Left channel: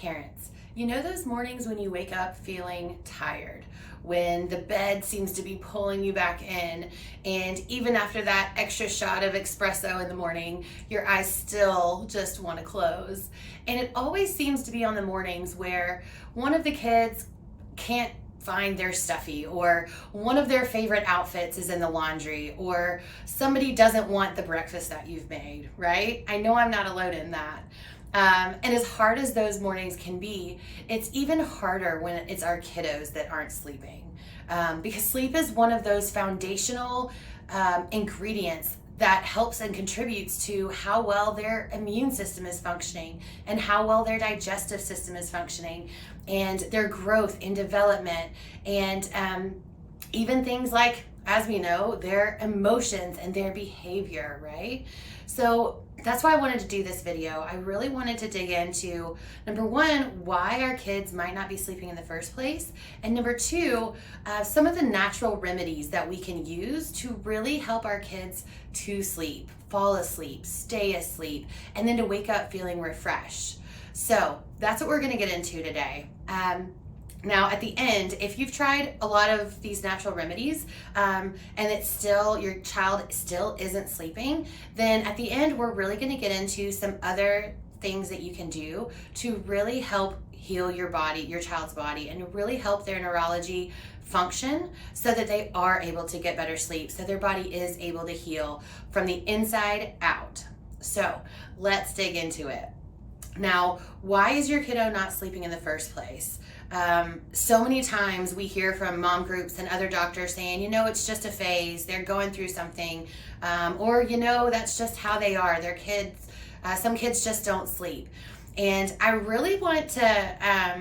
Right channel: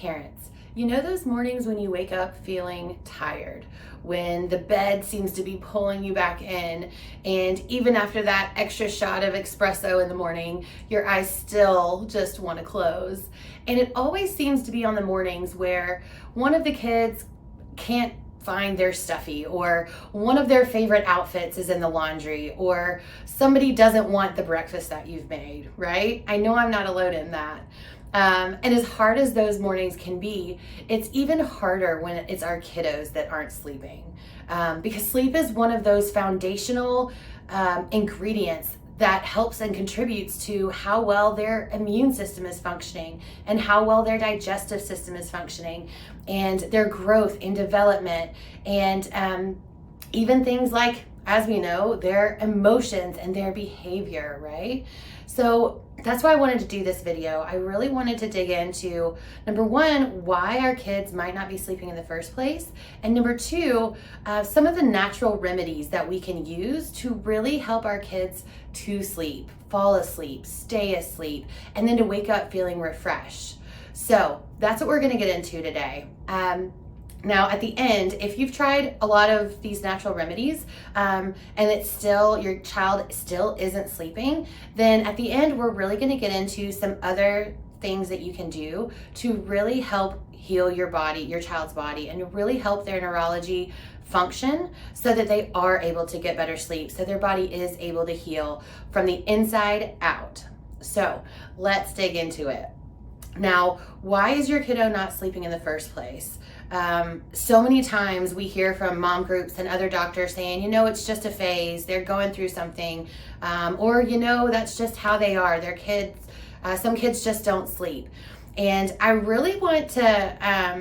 Parents, you know those mornings when you wake up feeling tired, when the bed seems to be pulling you back in, and even after that extra shot of espresso in the morning, your eyes still just want to close. And it always seems to be on the mornings where one of the kids can't find their stuffy, or one of their favorite outfits is in the laundry, or somebody doesn't want the breakfast that you've made, right? I know I'm not alone in that. And as hard as those mornings can be, it's even harder when it's our kiddos that aren't sleeping. Because sleep is one of those foundational ingredients that helps and contributes to how well their immune system is functioning, and how well their digestive system is functioning, and their growth and development, and even things like, as we know, their emotions and their behavior, right? So that's why I wanted to do this video. I really wanted to dig into, number one, why our kids might not be sleeping in the first place, and number two, some of the natural remedies that we can use to really help our kids to sleep, fall asleep, stay asleep, and then to wake up feeling refreshed. So that's what we're gonna get into today. Now at the end, if you've tried a lot of these natural remedies and it's still, your child still isn't sleeping, then at the end we're really going to get into some other things that you can do to really help heal your body, your child's body, and really help their neurology function so that they are able to get better sleep, so their body is able to heal from the inside out. So let's dig into it. Now, why is your kiddo not sleeping in the first place? So many times we hear from mom groups and other doctors saying, you know, it's just a phase, they're going through something, or, you know, that's just how they are. Their kids, some kids just don't sleep. And I really want to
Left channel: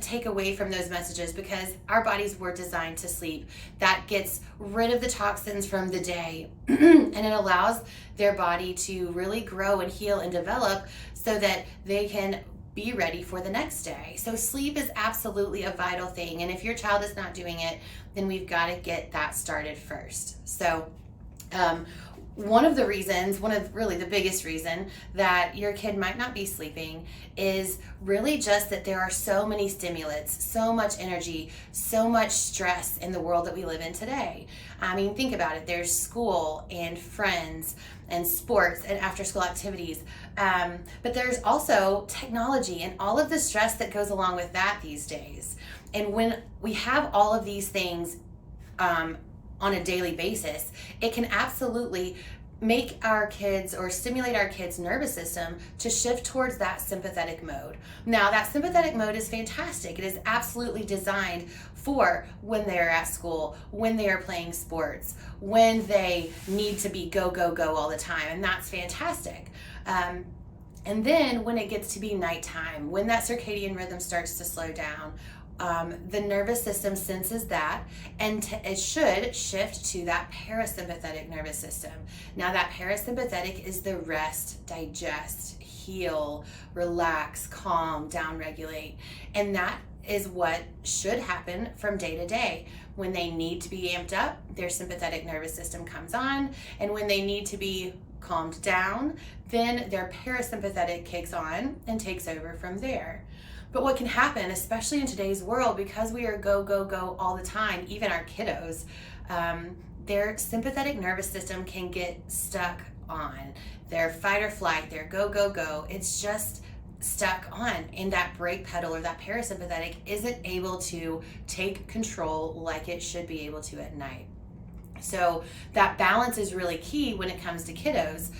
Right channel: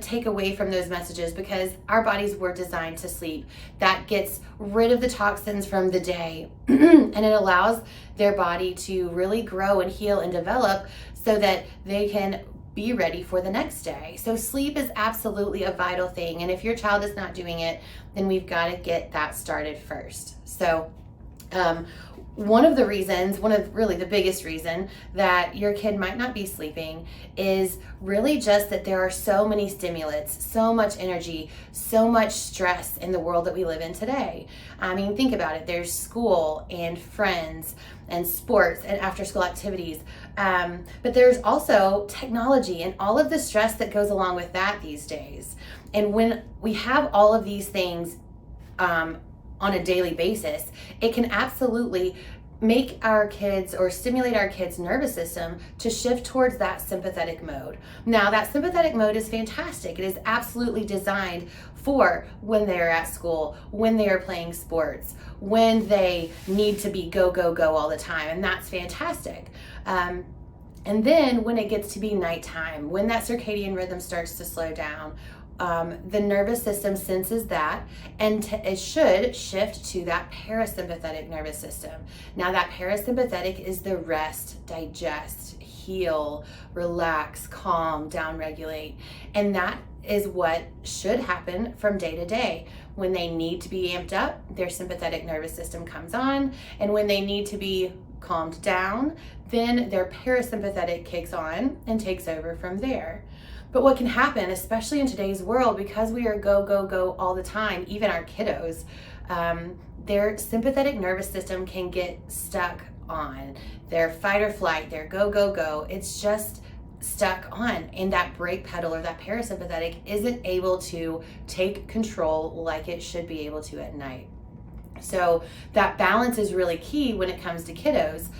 take away from those messages, because our bodies were designed to sleep. That gets rid of the toxins from the day and it allows their body to really grow and heal and develop so that they can be ready for the next day. So sleep is absolutely a vital thing. And if your child is not doing it, then we've got to get that started first. So one of really the biggest reason that your kid might not be sleeping is really just that there are so many stimulants, so much energy, so much stress in the world that we live in today. I mean, think about it. There's school and friends and sports and after school activities. But there's also technology and all of the stress that goes along with that these days. And when we have all of these things on a daily basis, it can absolutely make our kids, or stimulate our kids' nervous system to shift towards that sympathetic mode. Now, that sympathetic mode is fantastic. It is absolutely designed for when they're at school, when they are playing sports, when they need to be go, go, go all the time, and that's fantastic. And then when it gets to be nighttime, when that circadian rhythm starts to slow down, the nervous system senses that, and it should shift to that parasympathetic nervous system. Now, that parasympathetic is the rest, digest, heal, relax, calm, downregulate. And that is what should happen from day to day. When they need to be amped up, their sympathetic nervous system comes on. And when they need to be calmed down, then their parasympathetic kicks on and takes over from there. But what can happen, especially in today's world, because we are go, go, go all the time, even our kiddos, their sympathetic nervous system can get stuck on their fight or flight, their go, go, go. It's just stuck on, and that brake pedal, or that parasympathetic, isn't able to take control like it should be able to at night. So that balance is really key when it comes to kiddos.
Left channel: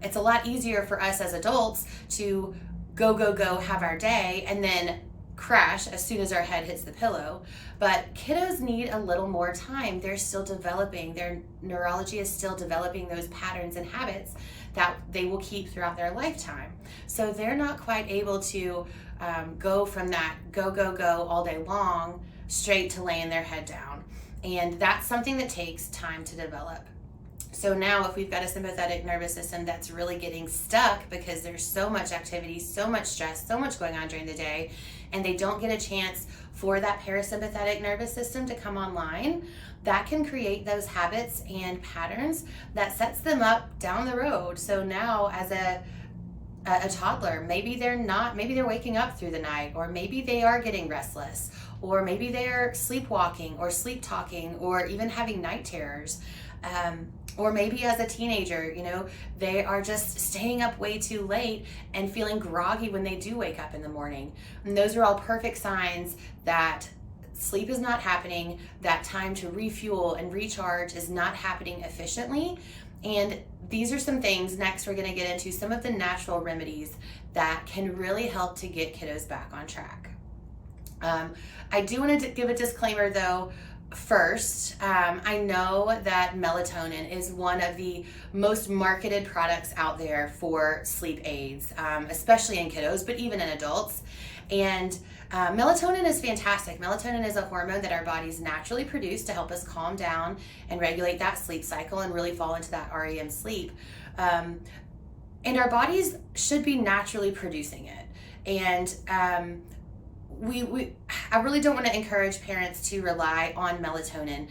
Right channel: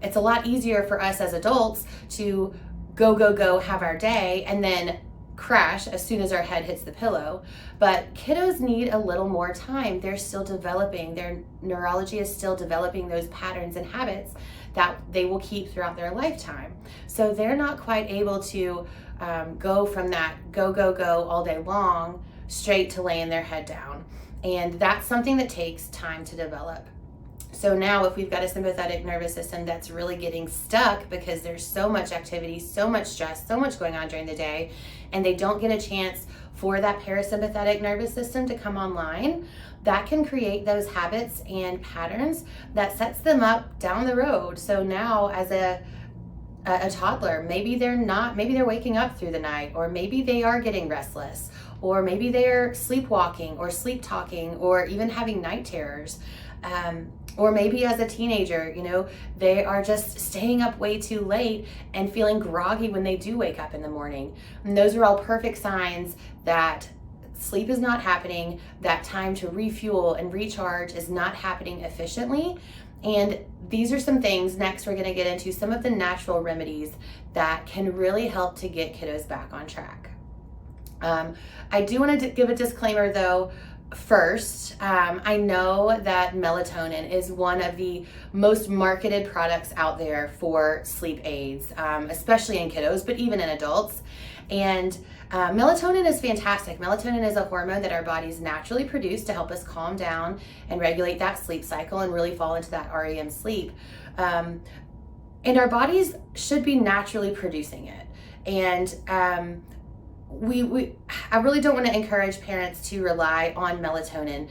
It's a lot easier for us as adults to go, go, go, have our day, and then crash as soon as our head hits the pillow. But kiddos need a little more time. They're still developing. Their neurology is still developing those patterns and habits that they will keep throughout their lifetime. So they're not quite able to go from that go, go, go all day long straight to laying their head down. And that's something that takes time to develop. So now if we've got a sympathetic nervous system that's really getting stuck because there's so much activity, so much stress, so much going on during the day, and they don't get a chance for that parasympathetic nervous system to come online, that can create those habits and patterns that sets them up down the road. So now as a a toddler, maybe they're waking up through the night, or maybe they are getting restless, or maybe they're sleepwalking or sleep talking, or even having night terrors. Or maybe as a teenager, they are just staying up way too late and feeling groggy when they do wake up in the morning. And those are all perfect signs that sleep is not happening, that time to refuel and recharge is not happening efficiently. And these are some things, next we're gonna get into some of the natural remedies that can really help to get kiddos back on track. I do want to give a disclaimer though. First, I know that melatonin is one of the most marketed products out there for sleep aids, especially in kiddos, but even in adults. And melatonin is fantastic. Melatonin is a hormone that our bodies naturally produce to help us calm down and regulate that sleep cycle and really fall into that REM sleep. And our bodies should be naturally producing it. And I really don't want to encourage parents to rely on melatonin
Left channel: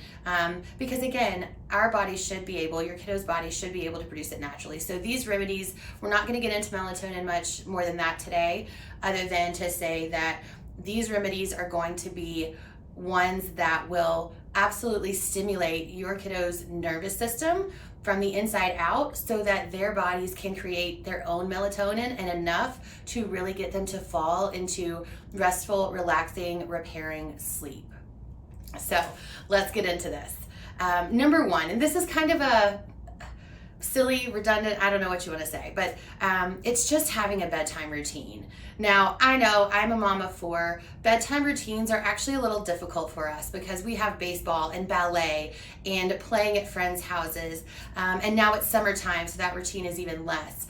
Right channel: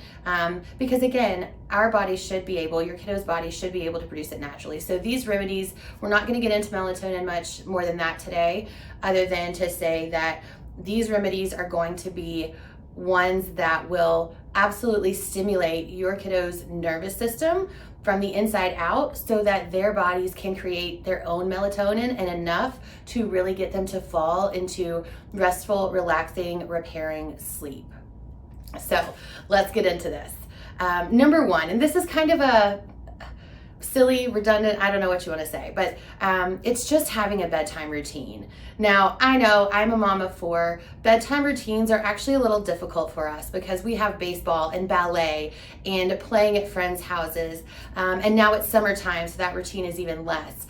because again, our body should be able, your kiddo's body should be able to produce it naturally. So these remedies, we're not going to get into melatonin much more than that today, other than to say that these remedies are going to be ones that will absolutely stimulate your kiddo's nervous system from the inside out so that their bodies can create their own melatonin and enough to really get them to fall into restful, relaxing, repairing sleep. So let's get into this. Number one, and this is kind of a silly, redundant, I don't know what you want to say, but it's just having a bedtime routine. Now, I know I'm a mom of 4. Bedtime routines are actually a little difficult for us because we have baseball and ballet and playing at friends' houses. And now it's summertime, so that routine is even less.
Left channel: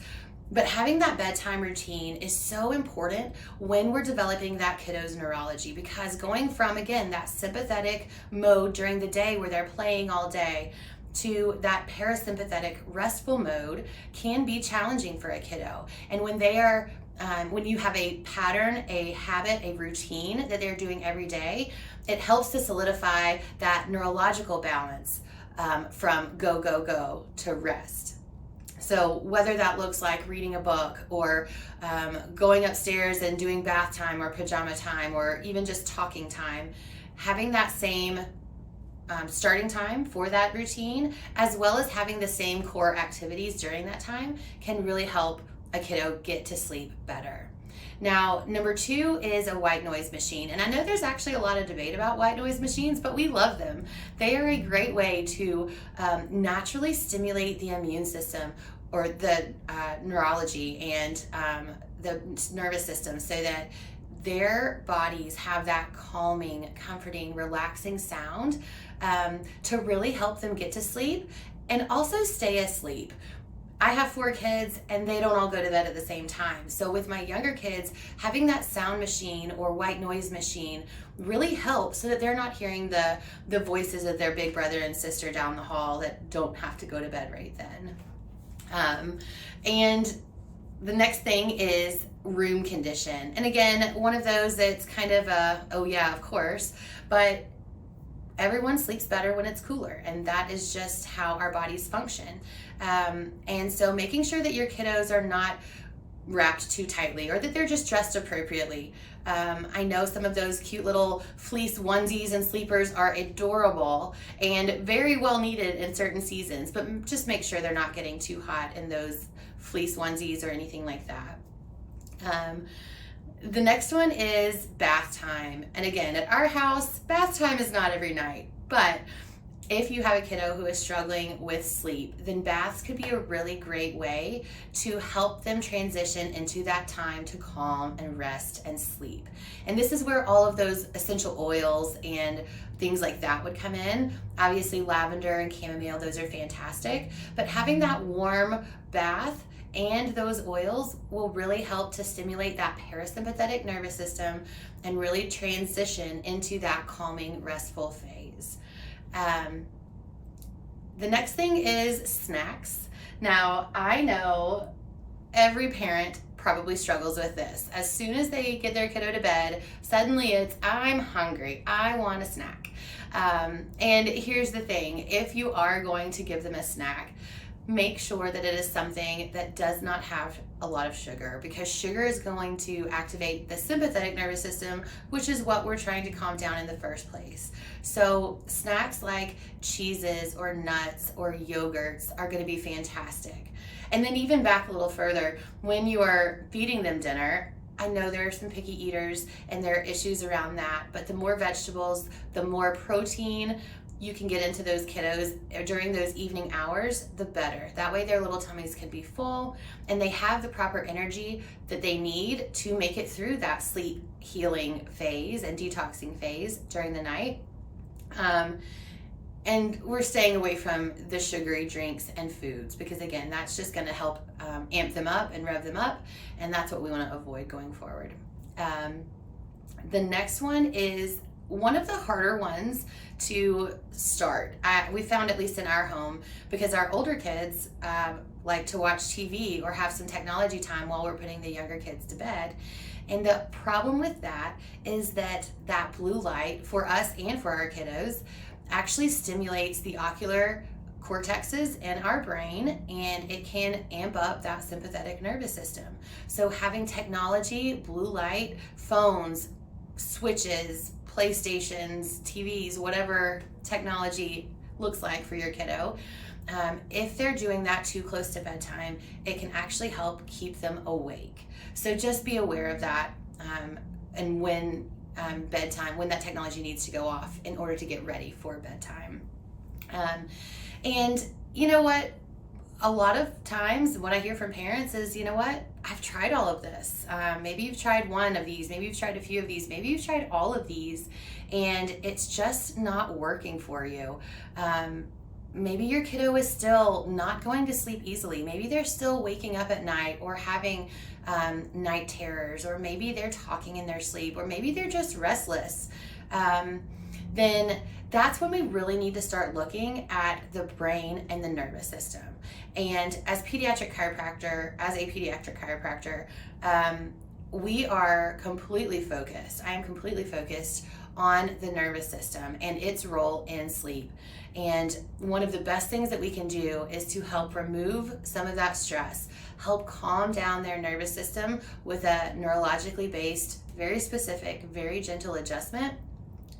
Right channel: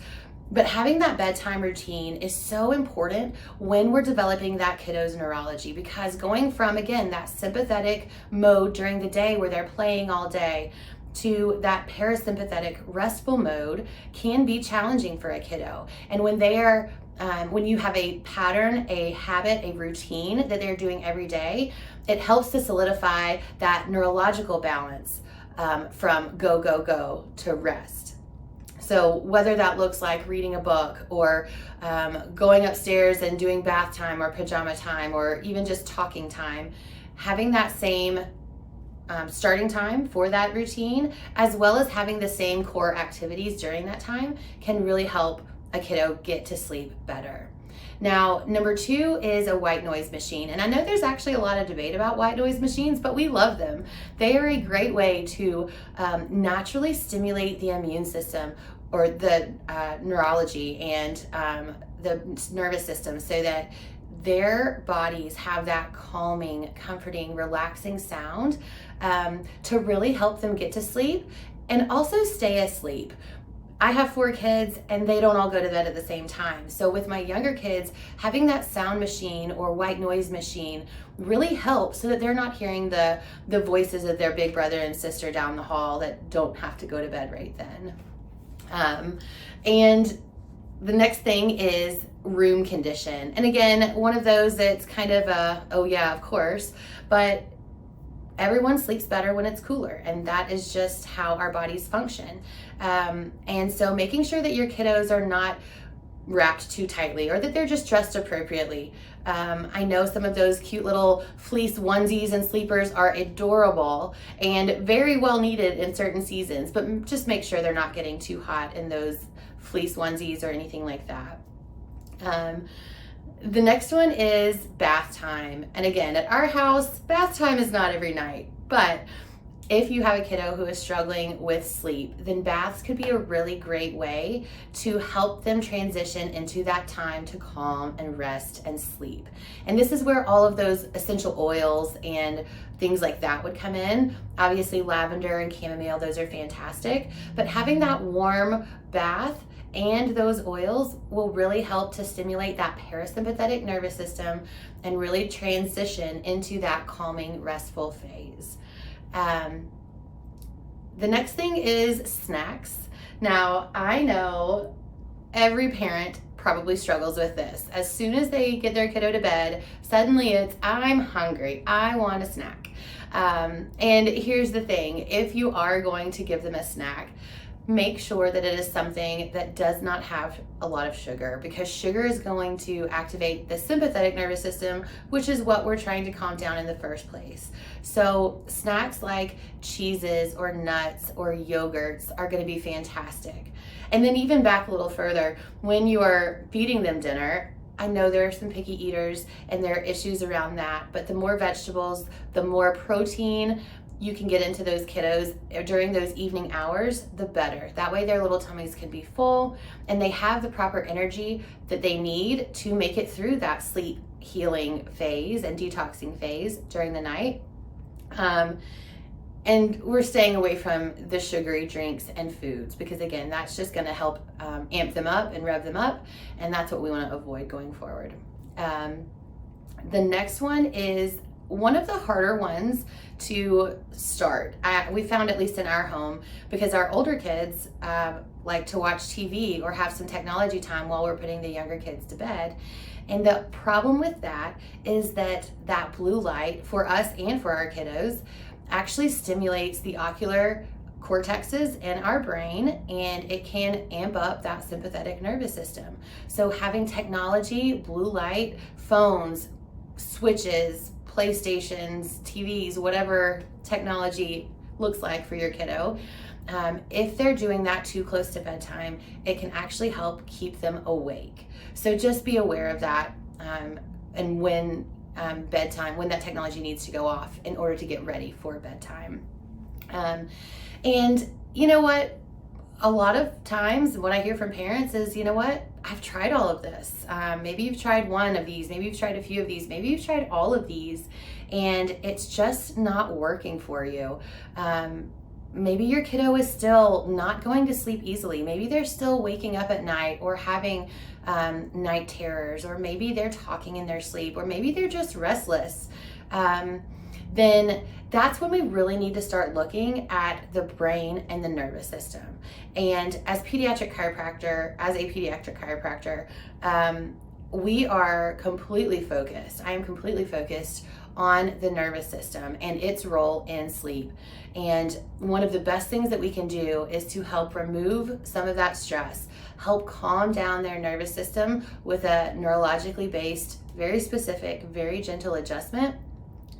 But having that bedtime routine is so important when we're developing that kiddo's neurology, because going from, again, that sympathetic mode during the day where they're playing all day to that parasympathetic restful mode can be challenging for a kiddo. And when they are when you have a pattern, a habit, a routine that they're doing every day, it helps to solidify that neurological balance from go, go, go to rest. So whether that looks like reading a book or going upstairs and doing bath time or pajama time or even just talking time, having that same starting time for that routine, as well as having the same core activities during that time, can really help a kiddo get to sleep better. Now, number 2 is a white noise machine. And I know there's actually a lot of debate about white noise machines, but we love them. They are a great way to naturally stimulate the immune system or the neurology and the nervous system so that their bodies have that calming, comforting, relaxing sound to really help them get to sleep and also stay asleep. I have 4 kids and they don't all go to bed at the same time. So with my younger kids, having that sound machine or white noise machine really helps so that they're not hearing the voices of their big brother and sister down the hall that don't have to go to bed right then. And the next thing is room condition. And again, one of those that's kind of a, oh yeah, of course, but everyone sleeps better when it's cooler, and that is just how our bodies function. And so making sure that your kiddos are not wrapped too tightly or that they're just dressed appropriately. I know some of those cute little fleece onesies and sleepers are adorable and very well needed in certain seasons, but just make sure they're not getting too hot in those fleece onesies or anything like that. The next one is bath time. And again, at our house, bath time is not every night, but if you have a kiddo who is struggling with sleep, then baths could be a really great way to help them transition into that time to calm and rest and sleep. And this is where all of those essential oils and things like that would come in. Obviously, lavender and chamomile, those are fantastic, but having that warm bath and those oils will really help to stimulate that parasympathetic nervous system and really transition into that calming, restful phase. The next thing is snacks. Now, I know every parent probably struggles with this. As soon as they get their kiddo to bed, suddenly it's, I'm hungry, I want a snack. And here's the thing, if you are going to give them a snack, make sure that it is something that does not have a lot of sugar, because sugar is going to activate the sympathetic nervous system, which is what we're trying to calm down in the first place. So snacks like cheeses or nuts or yogurts are going to be fantastic. And then even back a little further, when you are feeding them dinner, I know there are some picky eaters and there are issues around that, but the more vegetables, the more protein you can get into those kiddos during those evening hours, the better. That way their little tummies can be full and they have the proper energy that they need to make it through that sleep healing phase and detoxing phase during the night. And we're staying away from the sugary drinks and foods, because again, that's just gonna help amp them up and rev them up, and that's what we wanna avoid going forward. The next one is one of the harder ones to start. We found, at least in our home, because our older kids like to watch TV or have some technology time while we're putting the younger kids to bed. And the problem with that is that blue light, for us and for our kiddos, actually stimulates the ocular cortexes in our brain, and it can amp up that sympathetic nervous system. So having technology, blue light, phones, switches, PlayStations, TVs, whatever technology looks like for your kiddo, if they're doing that too close to bedtime, it can actually help keep them awake. So just be aware of that, and when bedtime, when that technology needs to go off in order to get ready for bedtime. And you know what? A lot of times what I hear from parents is, you know what? I've tried all of this. Maybe you've tried one of these, maybe you've tried a few of these, maybe you've tried all of these, and it's just not working for you. Maybe your kiddo is still not going to sleep easily. Maybe they're still waking up at night or having night terrors, or maybe they're talking in their sleep, or maybe they're just restless. Then that's when we really need to start looking at the brain and the nervous system. And as a pediatric chiropractor, we are completely focused. I am completely focused on the nervous system and its role in sleep. And one of the best things that we can do is to help remove some of that stress, help calm down their nervous system with a neurologically based, very specific, very gentle adjustment,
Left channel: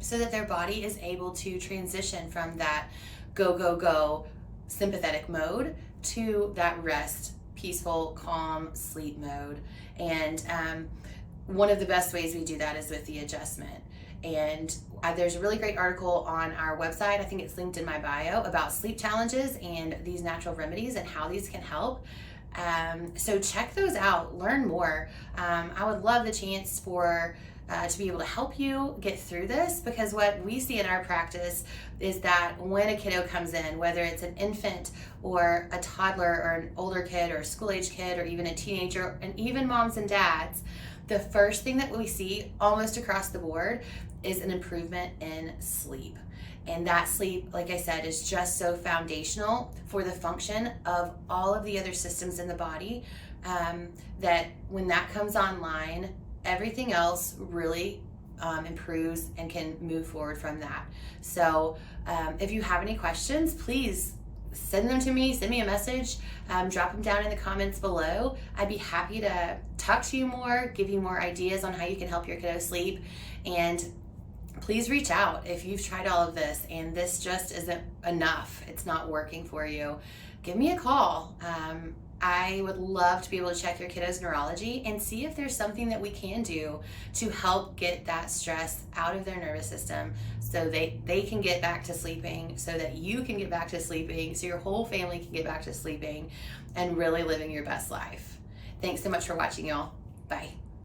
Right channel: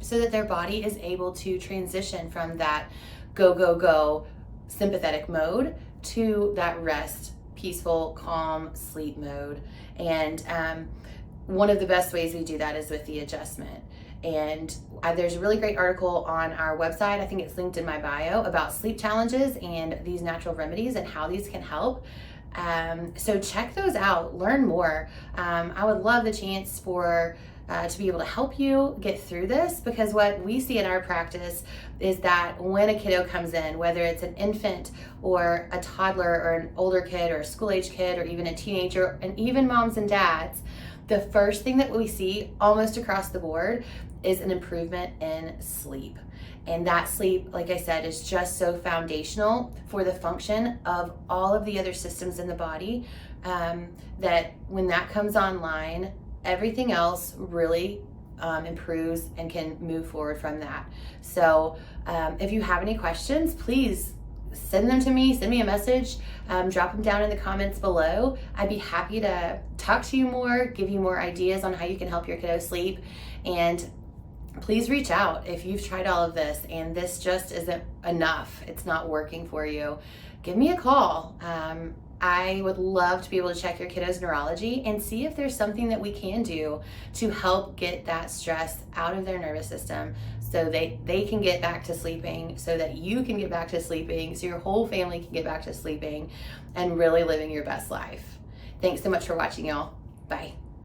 so that their body is able to transition from that go, go, go sympathetic mode to that rest, peaceful, calm sleep mode. And one of the best ways we do that is with the adjustment. And there's a really great article on our website, I think it's linked in my bio, about sleep challenges and these natural remedies and how these can help. So check those out, learn more. I would love the chance to be able to help you get through this, because what we see in our practice is that when a kiddo comes in, whether it's an infant or a toddler or an older kid or a school-age kid or even a teenager, and even moms and dads, the first thing that we see almost across the board is an improvement in sleep. And that sleep, like I said, is just so foundational for the function of all of the other systems in the body, that when that comes online, everything else really improves and can move forward from that. So if you have any questions, please send them to me, send me a message, drop them down in the comments below. I'd be happy to talk to you more, give you more ideas on how you can help your kiddo sleep. And please reach out if you've tried all of this and this just isn't enough, it's not working for you. Give me a call. I would love to be able to check your kiddo's neurology and see if there's something that we can do to help get that stress out of their nervous system, so they can get back to sleeping, so that you can get back to sleeping, so your whole family can get back to sleeping and really living your best life. Thanks so much for watching, y'all. Bye.